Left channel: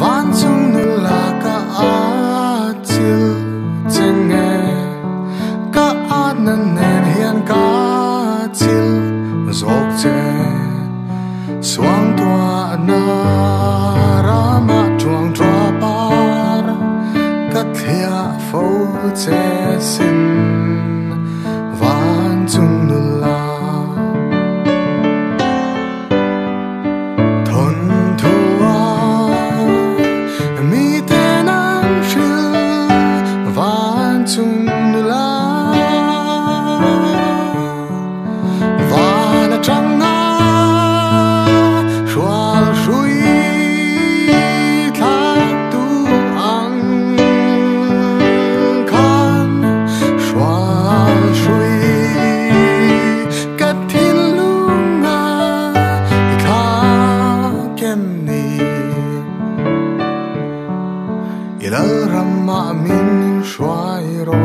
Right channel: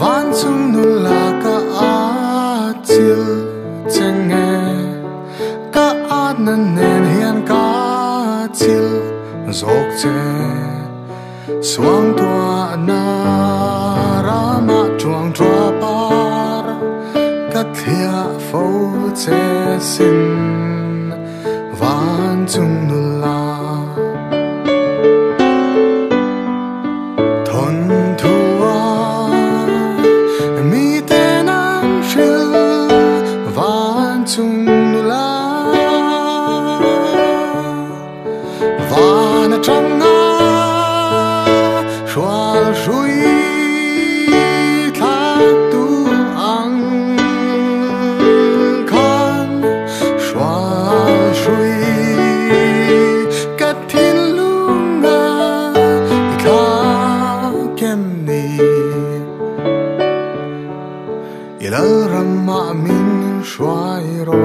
van chung nu la ka a chil chenge ka a nan nen hian ka chil zok che suang tua na rama chuang tua par ka thia fo che sin van chung nu la thon thua mi ten an shil van chung nu la van a chang na shwal shui tha tu ang khan shwal shui kat thin lunga tha kem ni ilal ramma min shwai ro